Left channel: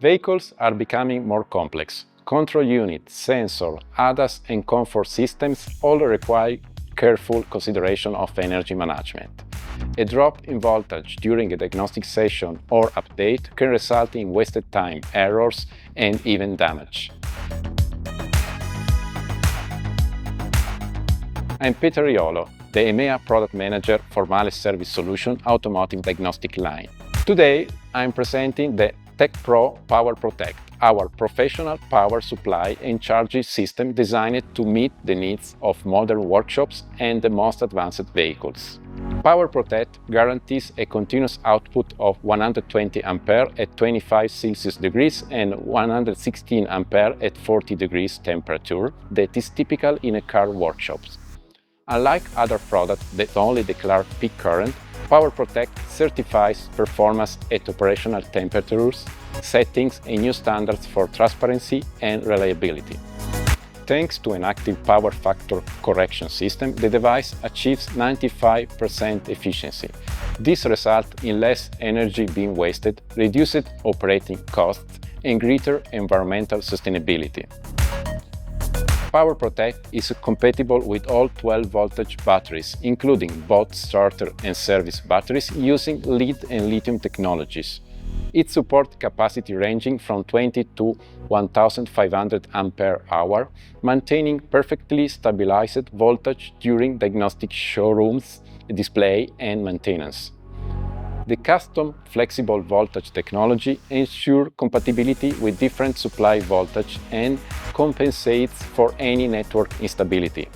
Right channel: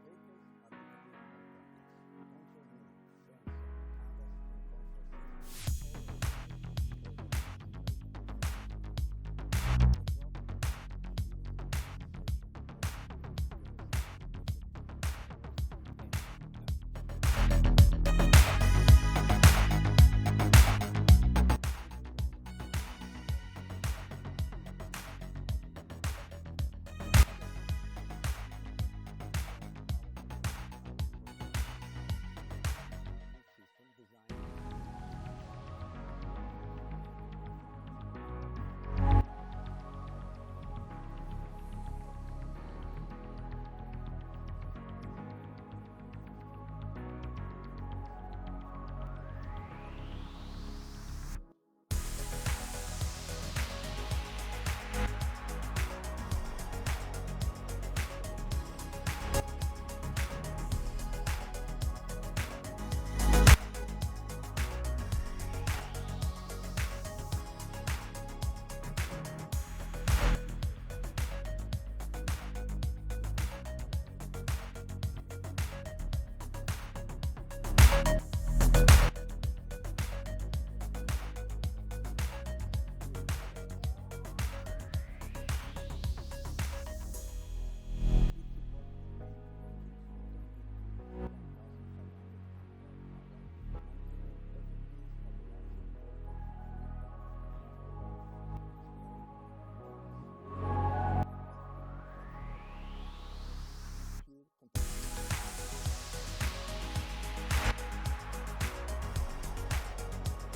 Vehicles are becoming more complex. Control unit, sensor, ADAS and comfort systems all require careful consideration of energy management. A drop in voltage during a diagnostic session or update can result in wasted time, errors and even damage. I'm Peter Iolo, the EMEA Product Manager for MAHLE Service Solution Automotive Diagnostic line. Today, I'm presenting the TechPRO Power Protect, our professional power supply and charging system designed to meet the needs of modern workshops and the most advanced vehicles. Power Protect guarantees a continuous output of 120 ampere at 25 Celsius degrees and 116 ampere at 40 degrees temperature that is typical in a car workshops. Unlike other products that only declare peak current, Power Protect certifies performance at operational temperatures, settings and new standards for transparency and reliability. Thanks to an active power factor correction system, the device achieves 95% efficiency. This results in less energy being wasted, reduced operating costs, and greater environmental sustainability. Power Protect is compatible with all 12-voltage batteries, including both starter and service batteries using lead and lithium technologies. It supports capacity ranging from 20 to 1500 ampere-hour, maintaining perfectly stabilized voltage during diagnostic showrooms, display and maintenance. The custom flexible voltage technology ensures compatibility with different supply voltage and compensates for any network instability.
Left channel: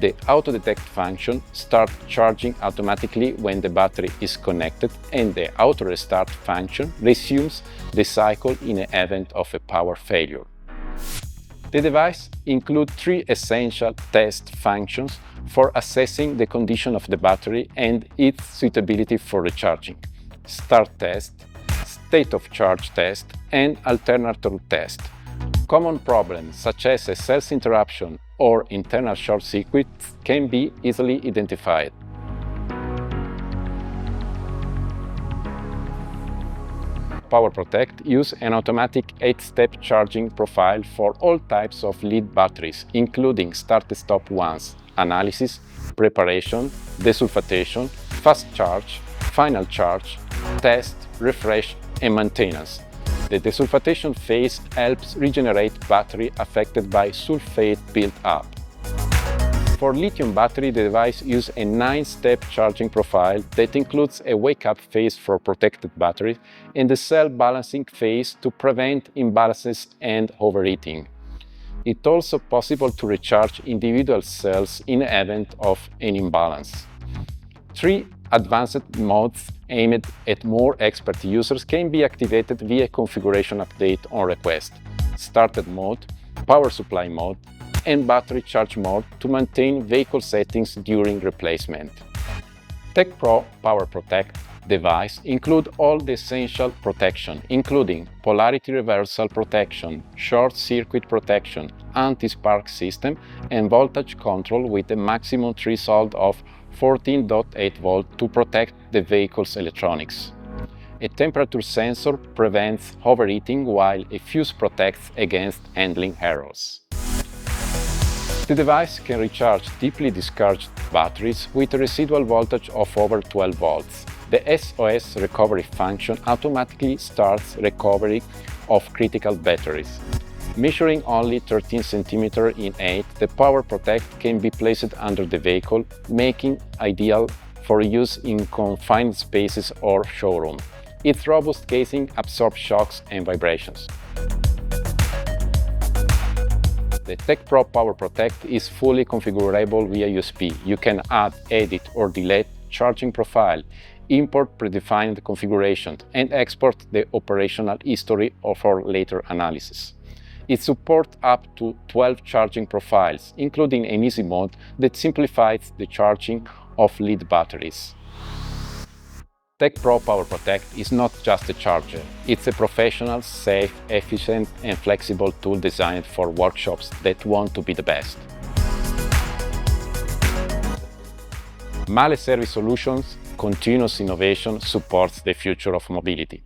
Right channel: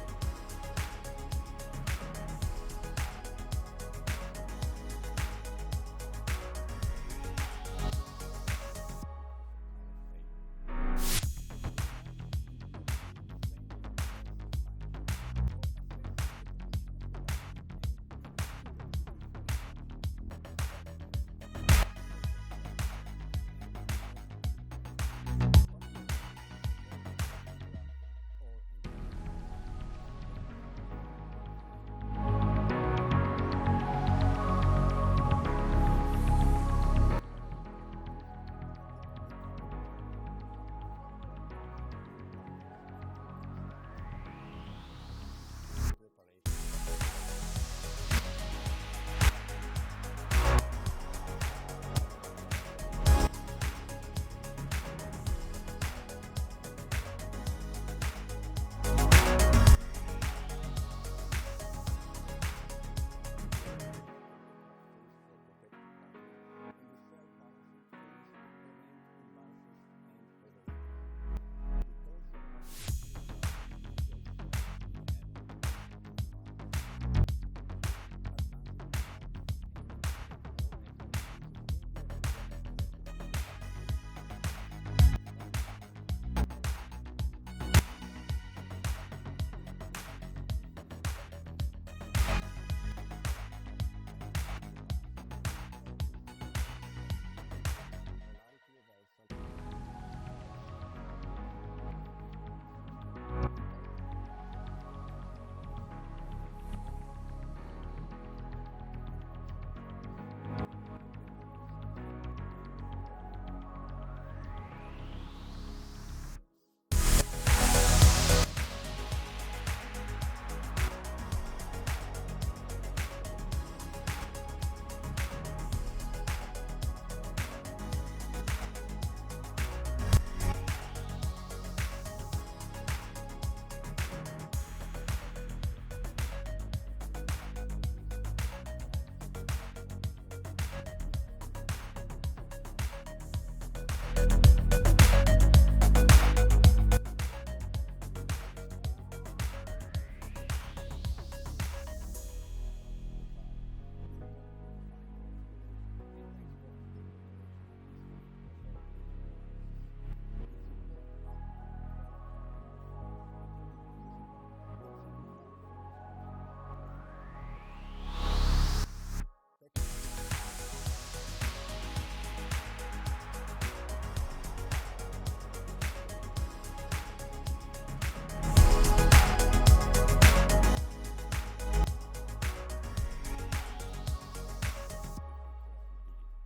The auto detect function starts charging automatically when the battery is connected, and the auto restart function resumes the cycle in the event of a power failure. The device includes 3 essential test functions for assessing the condition of the battery and its suitability for recharging: start test, state of charge test, and alternator test. Common problems such as a cell interruption or internal short circuits can be easily identified. Power Protect uses an automatic 8-step charging profile for all types of lead batteries, including start-stop ones, analysis, preparation, desulfatation, fast charge, final charge, test, refresh, and maintenance. The desulfatation phase helps regenerate battery affected by sulfate build-up. For lithium battery, the device uses a 9-step charging profile that includes a wake-up phase for protected batteries and the cell balancing phase to prevent imbalances and overheating. It's also possible to recharge individual cells in the event of an imbalance. 3 advanced modes aimed at more expert users can be activated via configuration update on request: started mode, power supply mode, and battery charge mode to maintain vehicle settings during replacement. TechPRO Power Protect device includes all the essential protection, including polarity reversal protection, short circuit protection, anti-spark system, and voltage control with a maximum threshold of 14.8 volts to protect the vehicle's electronics. A temperature sensor prevents overheating, while a fuse protects against handling errors. The device can recharge deeply discharged batteries with a residual voltage of over 12 volts. The SOS recovery function automatically starts recovery of critical batteries. Measuring only 13 cm in height, the Power Protect can be placed under the vehicle, making ideal for use in confined spaces or showroom. Its robust casing absorbs shocks and vibrations. The TechPRO Power Protect is fully configurable via USB. You can add, edit or delete charging profile, import predefined configuration, and export the operational history for later analysis. It supports up to 12 charging profiles, including an easy mode that simplifies the charging of lead batteries. TechPRO Power Protect is not just a charger, it's a professional, safe, efficient and flexible tool designed for workshops that want to be the best. MAHLE Service Solutions continuous innovation supports the future of mobility.